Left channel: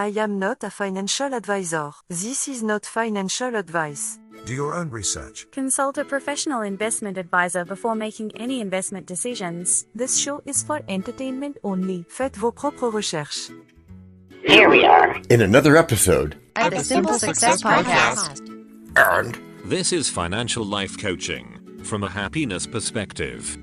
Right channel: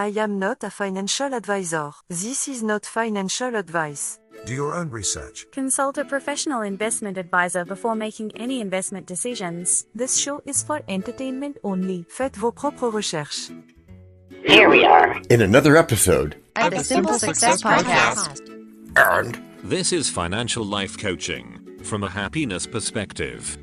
I am not a financial advisor. This is not financial advice. Do your own research. Consult a professional investment advisor before making any investment decisions. This show is for entertainment only. Faites vos propres recherches. Here we are in another episode of the Simple Success Podcast. And this is financial life coaching from a happiness perspective.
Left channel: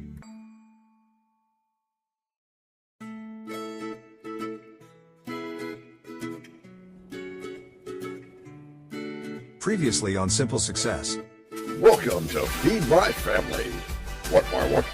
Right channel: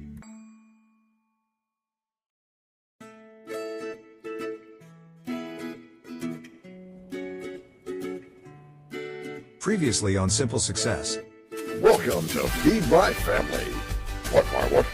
Previously on Simple Success. welcome to Feed My Family. What?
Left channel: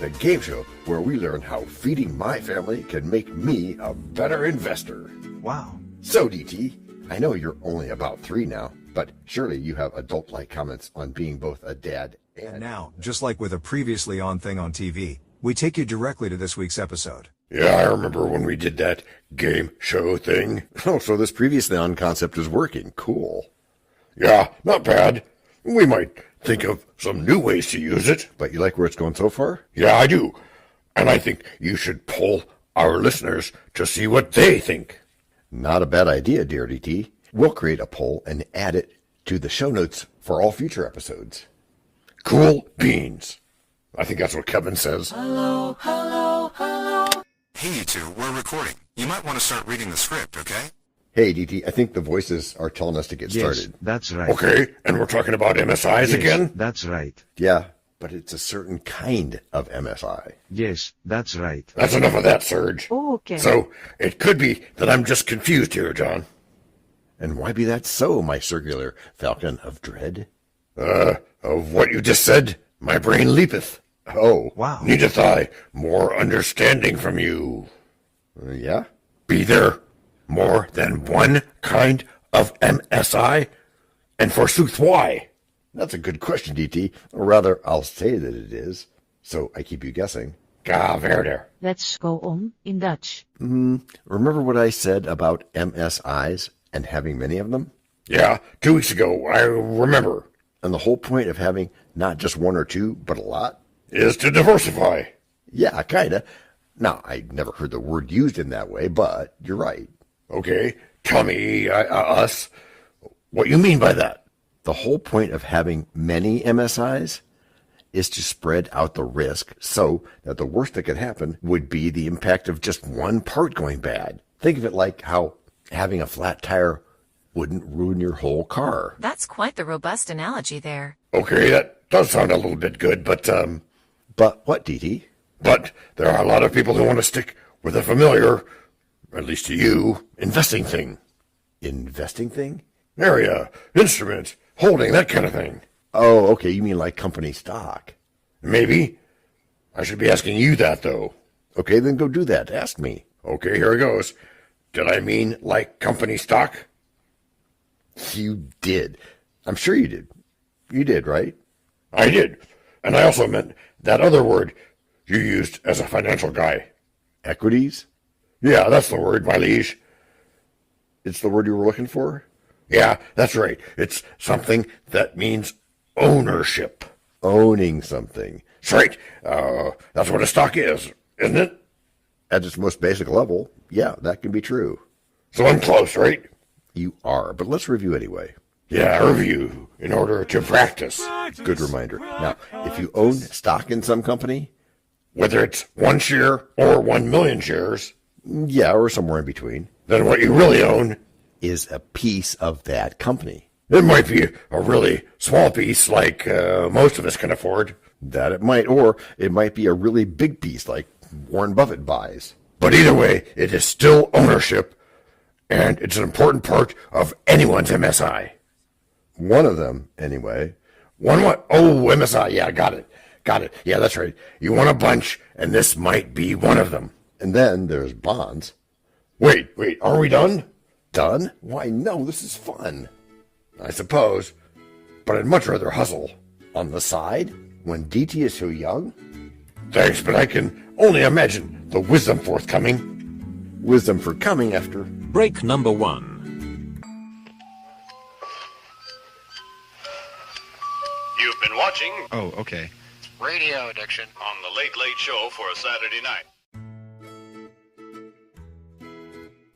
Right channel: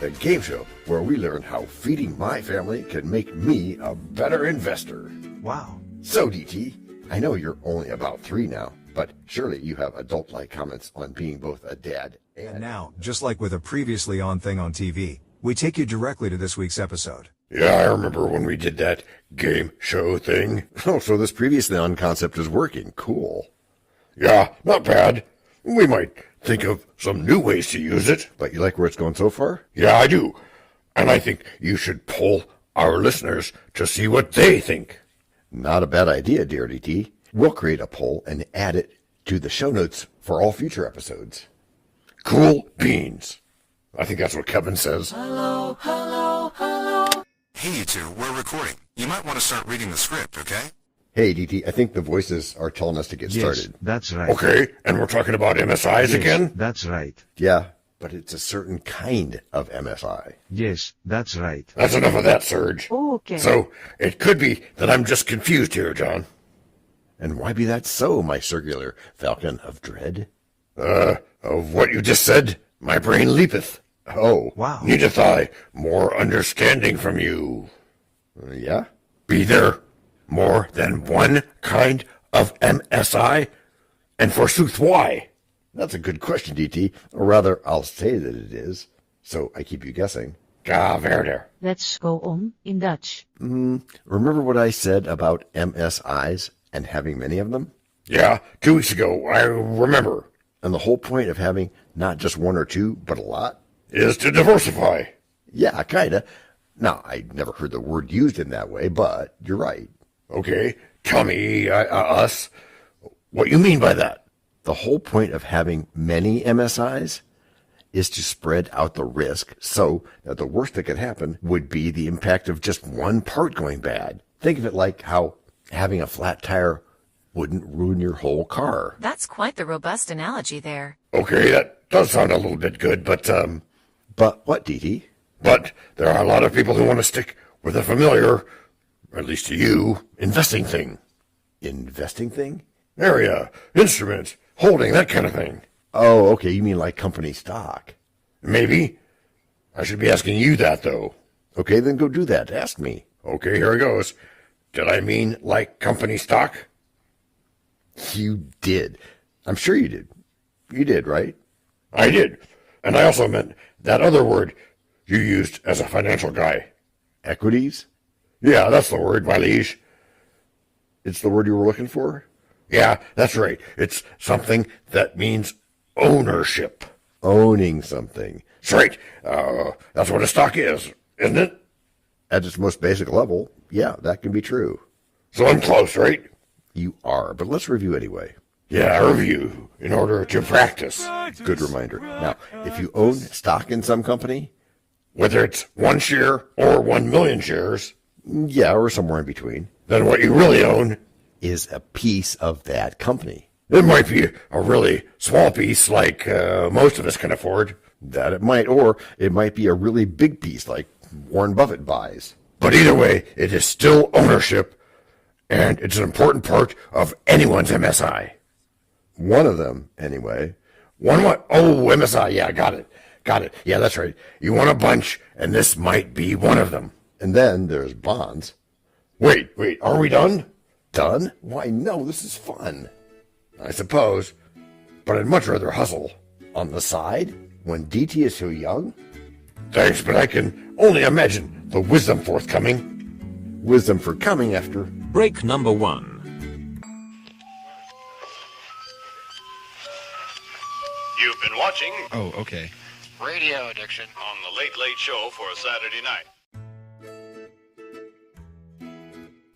The game show where we learn how feeding my family can make me a better investor. Wow. So, DT, I know you're only about 3 now, but surely you have adult-like comments on being both a dad and... Now, just like with a previously on thing on TV, we take you directly to this week's episode. Yeah, I remember when we did that game show thing. Oh, so this previously on concept is working. Cool. Yeah, not bad. We might think of some new ways to use it. But you like where it's going so far? Yeah, I do. And I think you should poll our listeners to see what they think. Not a bad idea, dear DT. We'll create a poll and add it to the show notes for all future episodes. Cool beans. I think that's what Kevin says. Hello. Hey, you two, we're recording. You might want to start reading the script, okay? Hey, DT, I think the voices are telling us to get started. Yes, that's right. Okay, and we're talking about MSIs again? That's right. Yeah, but it's a certain kind of MSI. Yes, that's right. That's enough of that, Serge. Okay. So, it could be that I'm just confused here, John. And why be that so, my circular falcon of dread? Of what you just said, my brain leapeth. Oh, wow. Needeth I more understanding from you? Yeah? Be there more than one kind of MSI? And forsooth, why? That's a good question, DT. Or rather, I'll say that it is. So I keep you guessing. Ga verder. Let's go on in Dutch. Remember what I said about MSIs and having many of them? Yeah, 2 weeks ago, I remember. And the whole point of having not just one or two, but a lot? Is to diversify. Yeah, kinda. Now, I never heard the word used in that way, but you're right. Okay, tell me, us, what you mean by that? The whole point of having many MSIs is to spread out the risk so that the worst that could happen would be the impact of just one part going bad. Think of it like how having a flat tire wouldn't ruin your whole car. That's quite the robust analogy there. Okay, that does sound a little bit good, but what, DT? But there are a lot of people who want to stick with a familiar, at least to you, investing thing. Investing thing? Area, instruments, holding, that kind of thing. Oh, okay, you mean like company stock. Maybe. I should be asking you that, though. Okay, then go do that. Ask me. Okay, here it goes. Did I mean like company stock? You did. I'm sure you did. You did, right? I did. And I also meant that other word you used as a financial guy. Equities? Yeah, that's the word, my liege. It's the word you were looking for? Yeah, that's right. It's something that means ownership. Owning something. That's right. That's what a stock is, isn't it? At its most basic level, yeah, that can be true. So I'm close, right? You are, but let's review anyway. Yeah, review in order to practice. Good reminder. Now, if you own stock in some company, whether it's 1 share or 1 million shares, yeah, or somewhere in between, then what you really own is a piece of that company. It might be a really small piece like most of us can afford. That it might, or it might be a really big piece like Warren Buffett buys. But either way, it is still ownership, and it's an important part of anyone's MSI. One of them, anyway. One what? Oh, MSI, yeah, got it. Yeah, that's right. You want a bunch, and this might be one of them. And then there's bonds. Wait, are we done? Done? Why, no, this is fun. I suppose, but I'd much rather hustle. On the side, when DT is so young? Thanks, but I can only imagine the wisdom forthcoming. Wisdom for coming after. Break number 1. You've been watching Oh, okay. Radio Addiction on the Late Late Show for a Saturday night.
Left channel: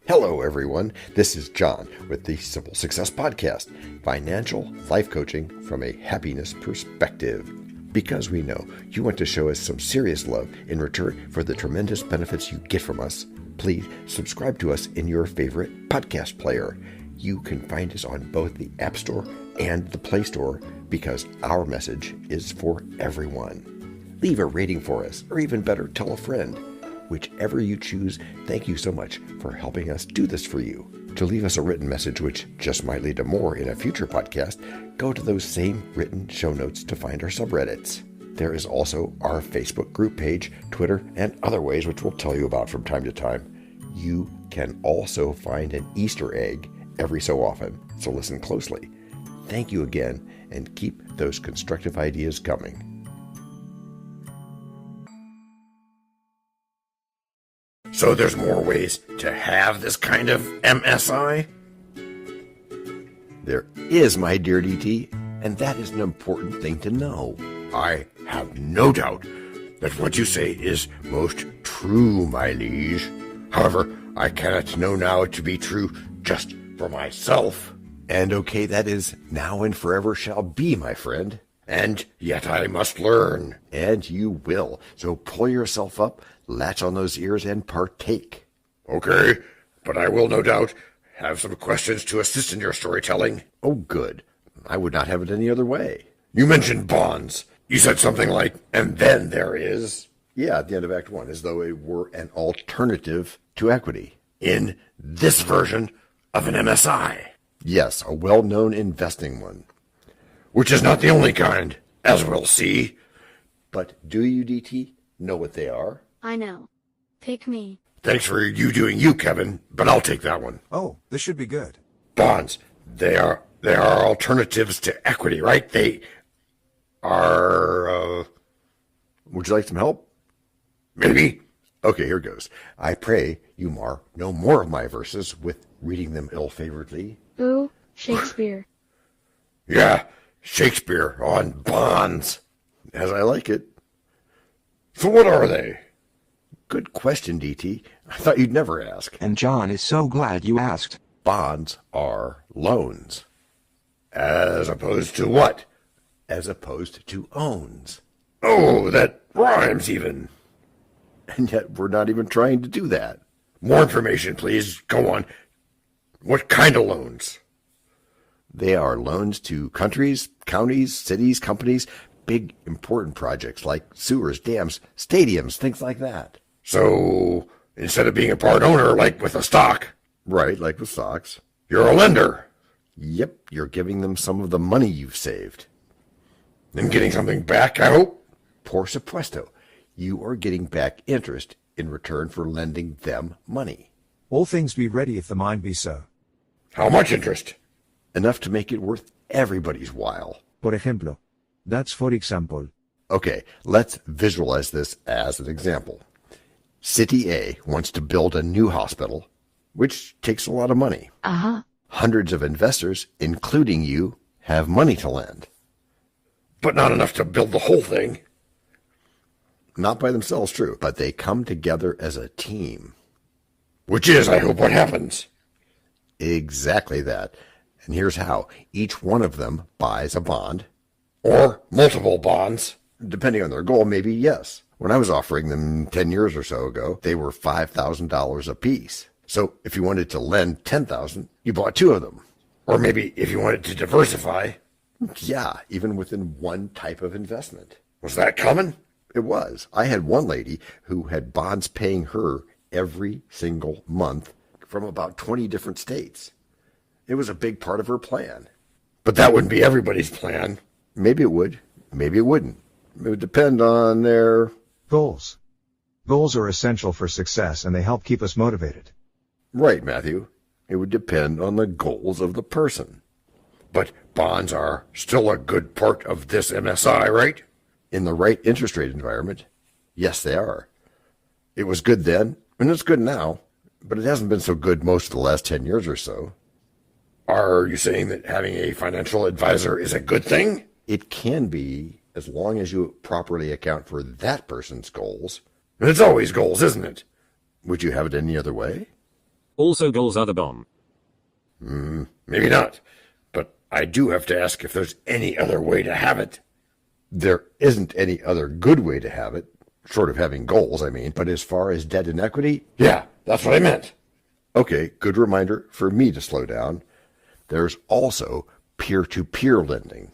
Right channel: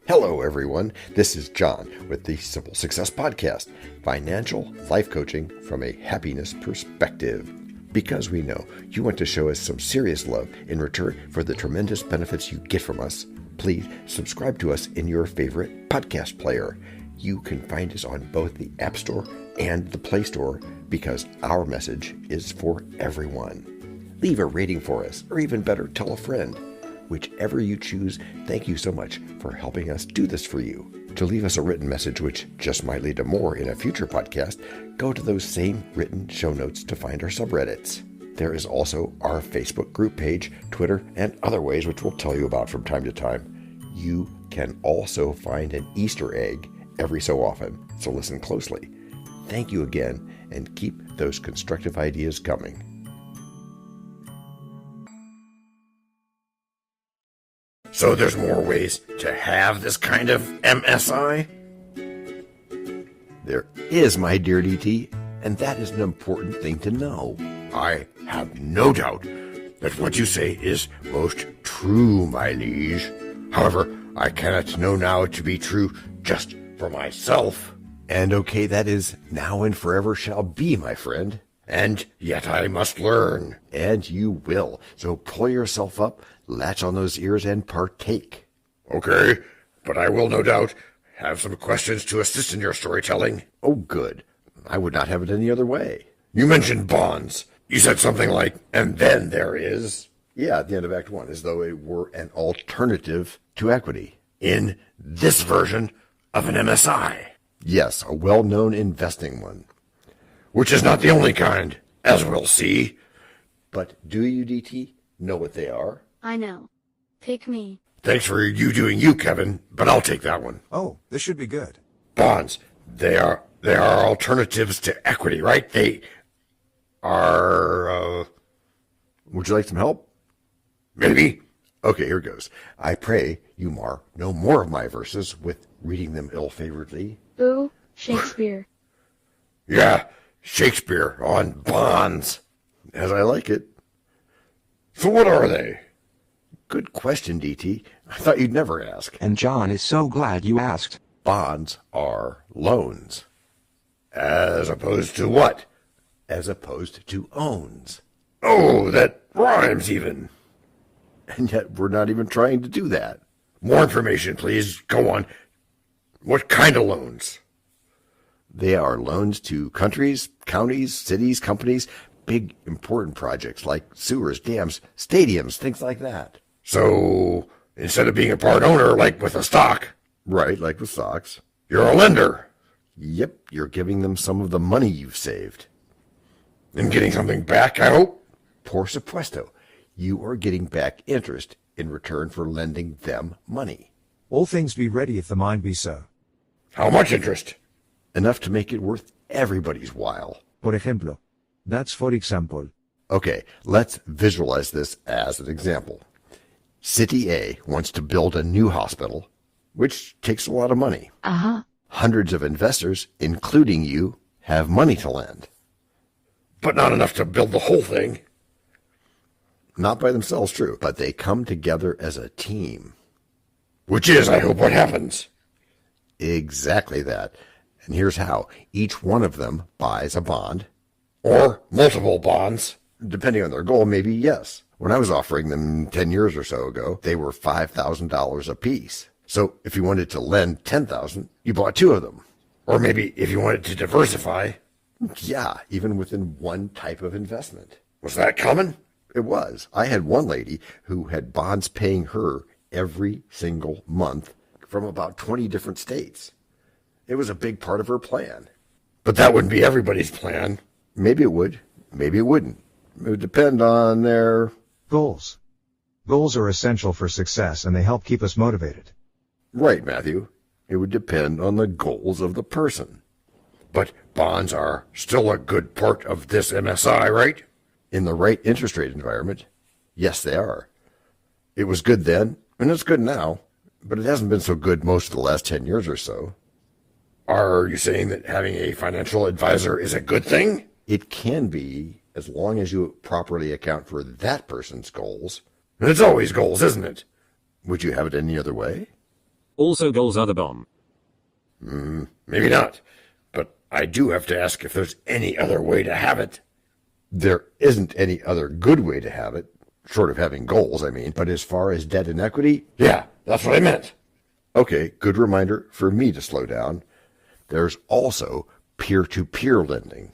Hello, everyone. This is John with the Simple Success Podcast, financial life coaching from a happiness perspective. Because we know you want to show us some serious love in return for the tremendous benefits you get from us, please subscribe to us in your favorite podcast player. You can find us on both the App Store and the Play Store because our message is for everyone. Leave a rating for us, or even better, tell a friend. Whichever you choose, thank you so much for helping us do this for you. To leave us a written message, which just might lead to more in a future podcast, go to those same written show notes to find our subreddits. There is also our Facebook group page, Twitter, and other ways which we'll tell you about from time to time. You can also find an Easter egg every so often, so listen closely. Thank you again, and keep those constructive ideas coming. So there's more ways to have this kind of MSI? There is, my dear DT, and that is an important thing to know. I have no doubt that what you say is most true, my liege. However, I cannot know now to be true just for myself. And okay, that is now and forever shall be, my friend. And yet I must learn. And you will. So pull yourself up, latch on those ears, and partake. Okay, but I will no doubt have some questions to assist in your storytelling. Oh, good. I would not have it any other way. You mentioned bonds. You said something like, and then there is... Yeah, at the end of Act 1, as though it were an alternative to equity. In this version of an MSI. Yes, a well-known investing one. Which is not the only kind, as we'll see. But do you, DT, know what they are? I know. Pick me. Thanks for you doing you, Kevin, but I'll take that one. Oh, this should be good. Bonds. They are alternatives to equity, right? They are, would you like some help? Maybe. Okay, here goes. I pray you no more of my verses with reading them ill-favoredly. Boo, Shakespeare. Yeah, Shakespeare on bonds. As I like it. So what are they? Good question, DT. I thought you'd never ask. And John is so glad you asked. Bonds are loans. As opposed to what? As opposed to owns. Oh, that rhymes even. And yet we're not even trying to do that. More information, please. Go on. What kind of loans? They are loans to countries, counties, cities, companies, big important projects like sewers, dams, stadiums, things like that. So, instead of being a part owner like with a stock, right, like with stocks, you're a lender. Yep, you're giving them some of the money you've saved. And getting something back, I hope? Por supuesto. You are getting back interest in return for lending them money. All things be ready if the mind be so. How much interest? Enough to make it worth everybody's while. Por ejemplo. That's for example. Okay, let's visualize this as an example. City A wants to build a new hospital, which takes a lot of money. Uh-huh. Hundreds of investors, including you, have money to lend. But not enough to build the whole thing. Not by themselves, true, but they come together as a team. Which is, I hope, what happens. Exactly that. And here's how. Each one of them buys a bond, or multiple bonds, depending on their goal, maybe yes. When I was offering them 10 years or so ago, they were $5,000 a piece. So if you wanted to lend $10,000, you bought two of them. Or maybe if you wanted to diversify, yeah, even within one type of investment. Was that common? It was. I had one lady who had bonds paying her every single month from about 20 different states. It was a big part of her plan. But that wouldn't be everybody's plan. Maybe it would. Maybe it wouldn't. It would depend on their... Goals. Goals are essential for success, and they help keep us motivated. Right, Matthew. It would depend on the goals of the person. But bonds are still a good part of this MSI, right? In the right interest rate environment, yes, they are. It was good then, and it's good now, but it hasn't been so good most of the last 10 years or so. Are you saying that having a financial advisor is a good thing? It can be, as long as you properly account for that person's goals. And it's always goals, isn't it? Would you have it any other way? Also goals are the bomb. Maybe not. But I do have to ask if there's any other way to have it. There isn't any other good way to have it, short of having goals, I mean. But as far as debt and equity, yeah, that's what I meant. Okay, good reminder for me to slow down. There's also peer-to-peer lending.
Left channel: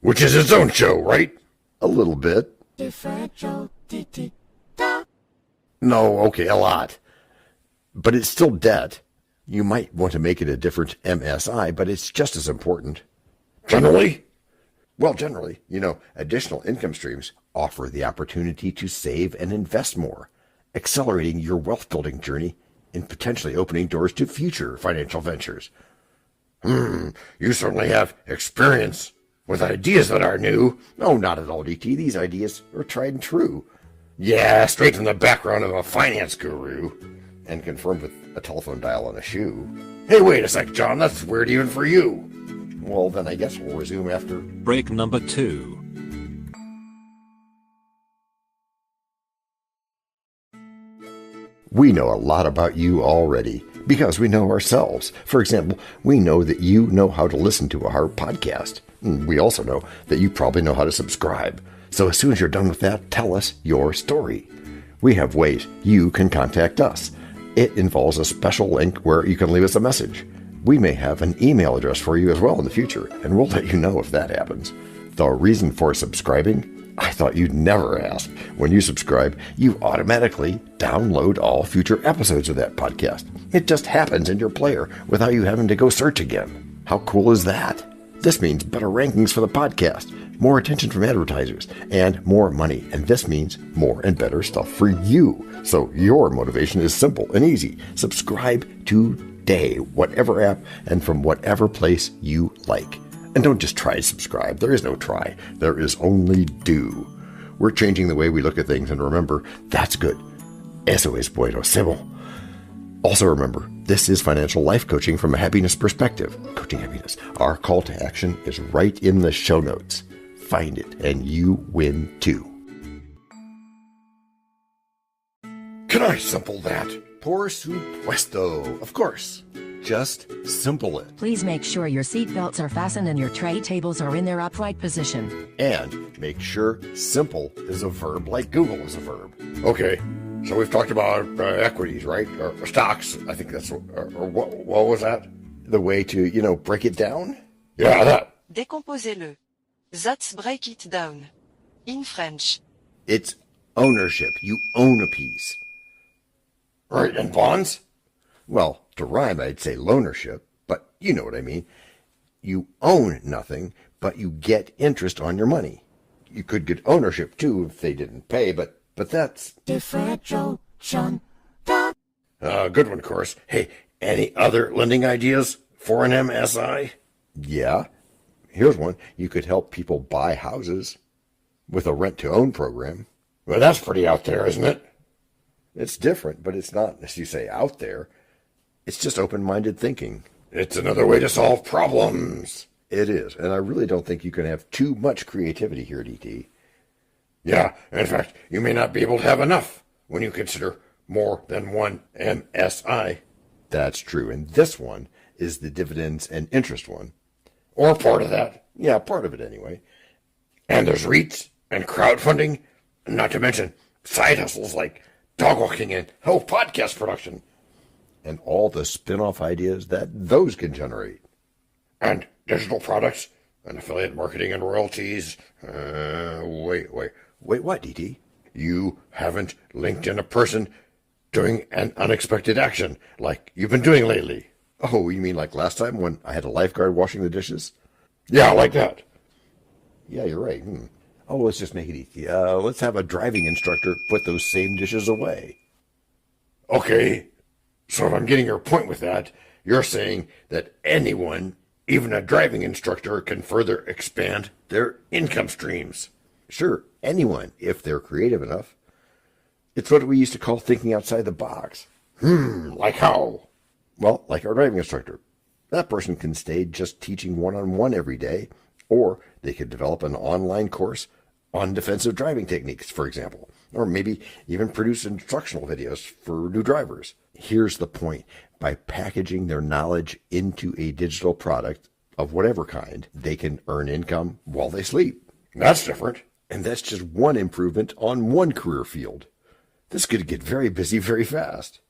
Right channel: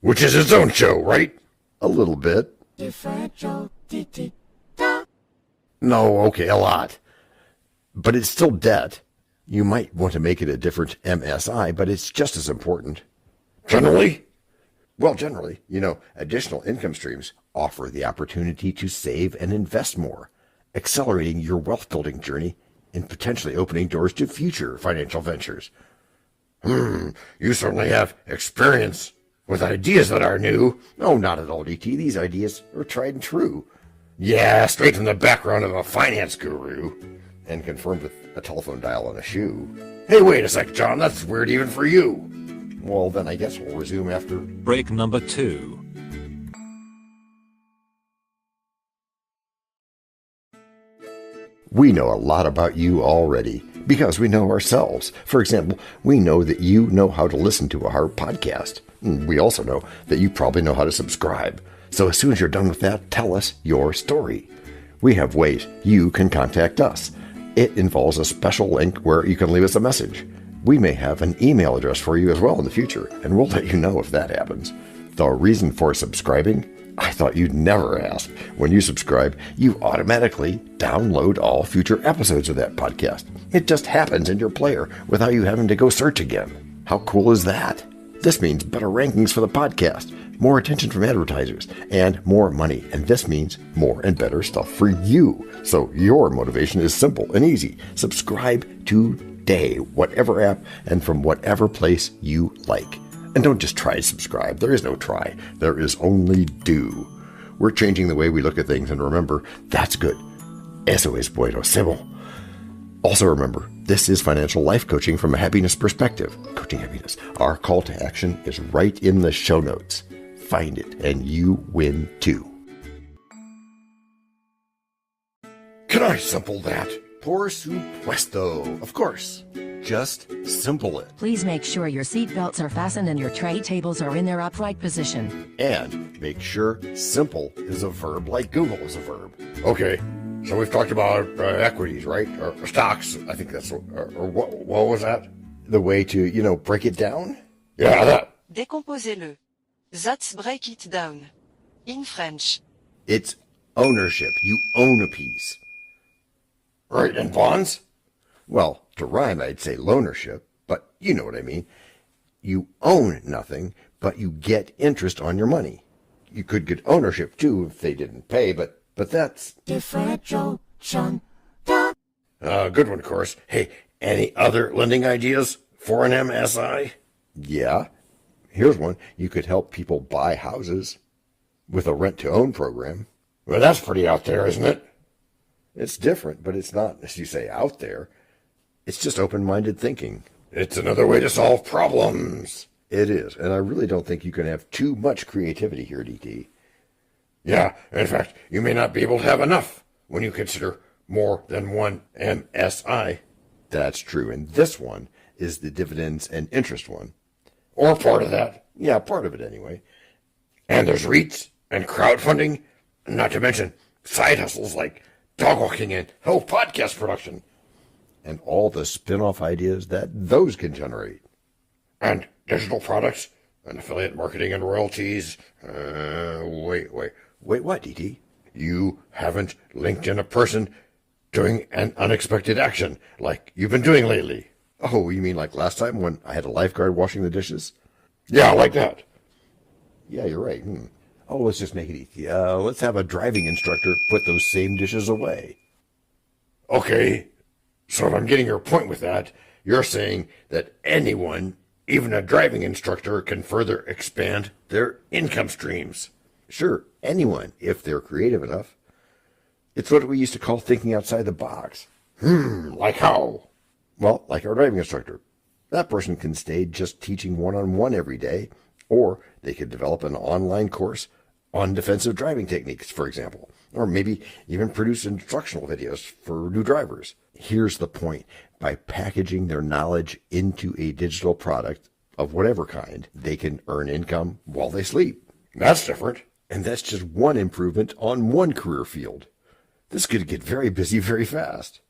Which is its own show, right? A little bit. No, okay, a lot. But it's still debt. You might want to make it a different MSI, but it's just as important. Generally? Well, generally, additional income streams offer the opportunity to save and invest more, accelerating your wealth-building journey and potentially opening doors to future financial ventures. You certainly have experience with ideas that are new. Oh, not at all, DT. These ideas are tried and true. Yeah, straight from the background of a finance guru. And confirmed with a telephone dial on a shoe. Hey, wait a sec, John. That's weird even for you. Well, then I guess we'll resume after... Break number 2. We know a lot about you already because we know ourselves. For example, we know that you know how to listen to our podcast. We also know that you probably know how to subscribe. So as soon as you're done with that, tell us your story. We have ways you can contact us. It involves a special link where you can leave us a message. We may have an email address for you as well in the future, and we'll let you know if that happens. The reason for subscribing? I thought you'd never ask. When you subscribe, you automatically download all future episodes of that podcast. It just happens in your player without you having to go search again. How cool is that? This means better rankings for the podcast, more attention from advertisers, and more money. And this means more and better stuff for you. So your motivation is simple and easy. Subscribe today, whatever app and from whatever place you like. And don't just try to subscribe. There is no try. There is only do. We're changing the way we look at things, and remember, that's good. Eso es bueno, Sybil. Also remember, this is financial life coaching from a happiness perspective. Coaching happiness. Our call to action is right in the show notes. Find it, and you win too. Can I simple that? Por supuesto. Of course. Just simple it. Please make sure your seatbelts are fastened and your tray tables are in their upright position. And make sure simple is a verb like Google is a verb. Okay, so we've talked about equities, right? Or stocks. I think that's what was that? The way to, break it down? Yeah, that. Décomposez-le. That's break it down. In French. It's ownership. You own a piece. Right, and bonds? Well, to rhyme, I'd say loanership, but you know what I mean. You own nothing, but you get interest on your money. You could get ownership, too, if they didn't pay, but that's... Differentiation. Good one, of course. Hey, any other lending ideas for an MSI? Yeah. Here's one. You could help people buy houses with a rent-to-own program. Well, that's pretty out there, isn't it? It's different, but it's not, as you say, out there. It's just open-minded thinking. It's another way to solve problems. It is, and I really don't think you can have too much creativity here, DT. Yeah, in fact, you may not be able to have enough when you consider more than one MSI. That's true, and this one is the dividends and interest one. Or part of that. Yeah, part of it anyway. And there's REITs and crowdfunding, not to mention side hustles like dog walking and health podcast production. And all the spin-off ideas that those can generate. And digital products and affiliate marketing and royalties. Wait, what, DT? You haven't linked in a person doing an unexpected action like you've been doing lately. Oh, you mean like last time when I had a lifeguard washing the dishes? Yeah, like that. Yeah, you're right. Oh, let's just make it easy. Let's have a driving instructor put those same dishes away. Okay. So if I'm getting your point with that, you're saying that anyone, even a driving instructor, can further expand their income streams. Sure, anyone, if they're creative enough. It's what we used to call thinking outside the box. Like how? Well, like our driving instructor. That person can stay just teaching one-on-one every day, or they could develop an online course on defensive driving techniques, for example. Or maybe even produce instructional videos for new drivers. Here's the point. By packaging their knowledge into a digital product of whatever kind, they can earn income while they sleep. That's different. And that's just one improvement on one career field. This could get very busy very fast.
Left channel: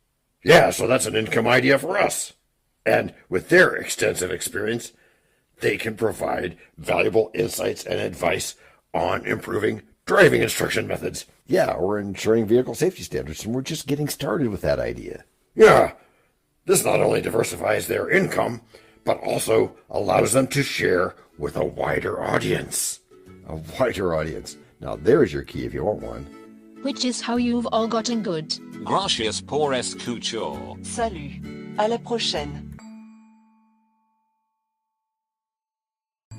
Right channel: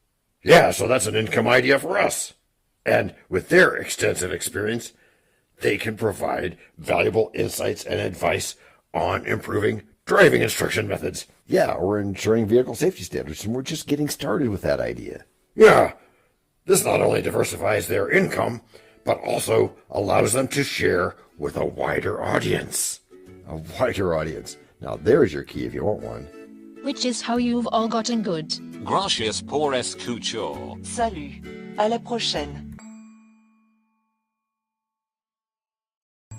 Yeah, so that's an income idea for us. And with their extensive experience, they can provide valuable insights and advice on improving driving instruction methods. Yeah, or ensuring vehicle safety standards, and we're just getting started with that idea. Yeah, this not only diversifies their income, but also allows them to share with a wider audience. A wider audience. Now there's your key if you want one. Which is how you've all gotten good. Gracias por escuchar. Salut. À la prochaine.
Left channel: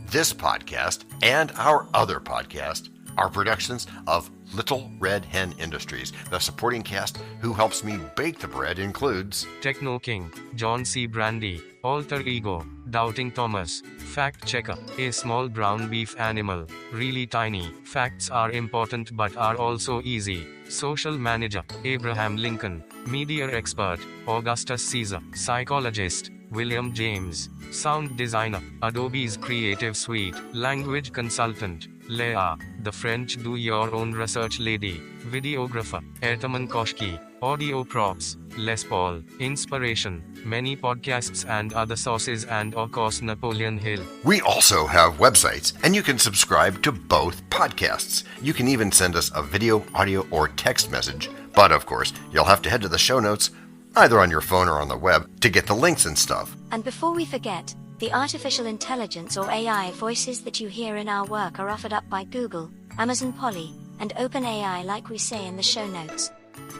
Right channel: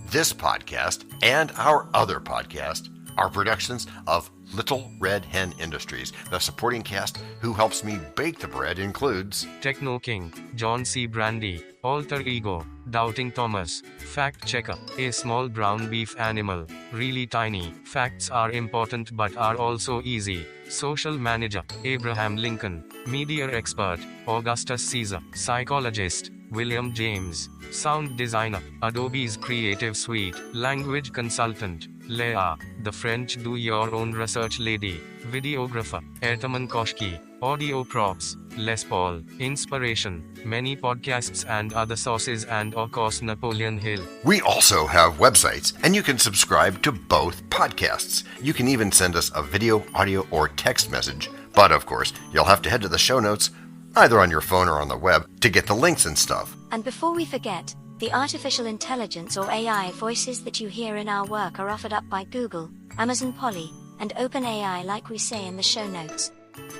This podcast and our other podcast are productions of Little Red Hen Industries. The supporting cast who helps me bake the bread includes Techno King, John Brandy, Alter Ego, Doubting Thomas, Fact Checker, a small brown beef animal, really tiny, facts are important but are also easy, Social Manager, Abraham Lincoln, Media Expert, Augustus Caesar, Psychologist, William James, Sound Designer, Adobe's Creative Suite, Language Consultant, Leah, the French do-your-own research lady, Videographer, Ertaman Koshki, Audio Props, Les Paul, Inspiration, many podcasts and other sources, and of course Napoleon Hill. We also have websites, and you can subscribe to both podcasts. You can even send us a video, audio, or text message. But of course, you'll have to head to the show notes, either on your phone or on the web, to get the links and stuff. And before we forget, the artificial intelligence or AI voices that you hear in our work are offered up by Google, Amazon Polly, and OpenAI, like we say in the show notes.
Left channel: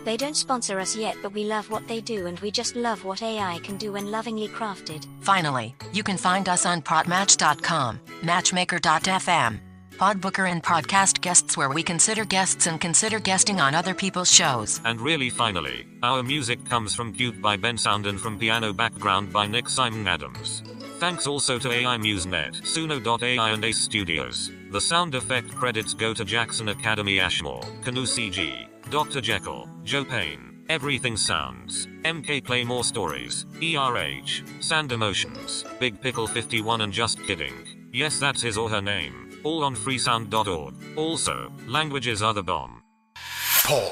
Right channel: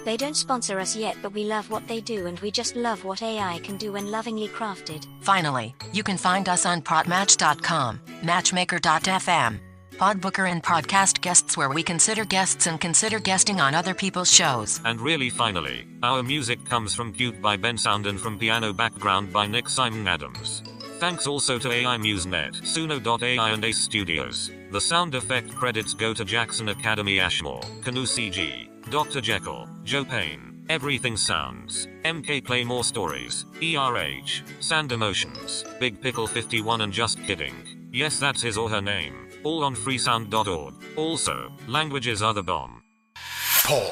They don't sponsor us yet, but we love what they do, and we just love what AI can do when lovingly crafted. Finally, you can find us on podmatch.com, matchmaker.fm, Podbooker, and Podcast Guests, where we consider guests and consider guesting on other people's shows. And really finally, our music comes from Cute by Ben Sound and from Piano Background by Nick Simon Adams. Thanks also to AI MuseNet, Suno.ai and Ace Studios. The sound effect credits go to Jackson Academy Ashmore, Canoe CG, Dr. Jekyll, Joe Payne, Everything Sounds, MK Play More Stories, ERH, Sand Emotions, Big Pickle 51 and Just Kidding. Yes, that's his or her name. All on freesound.org. Also, languages are the bomb. Paul.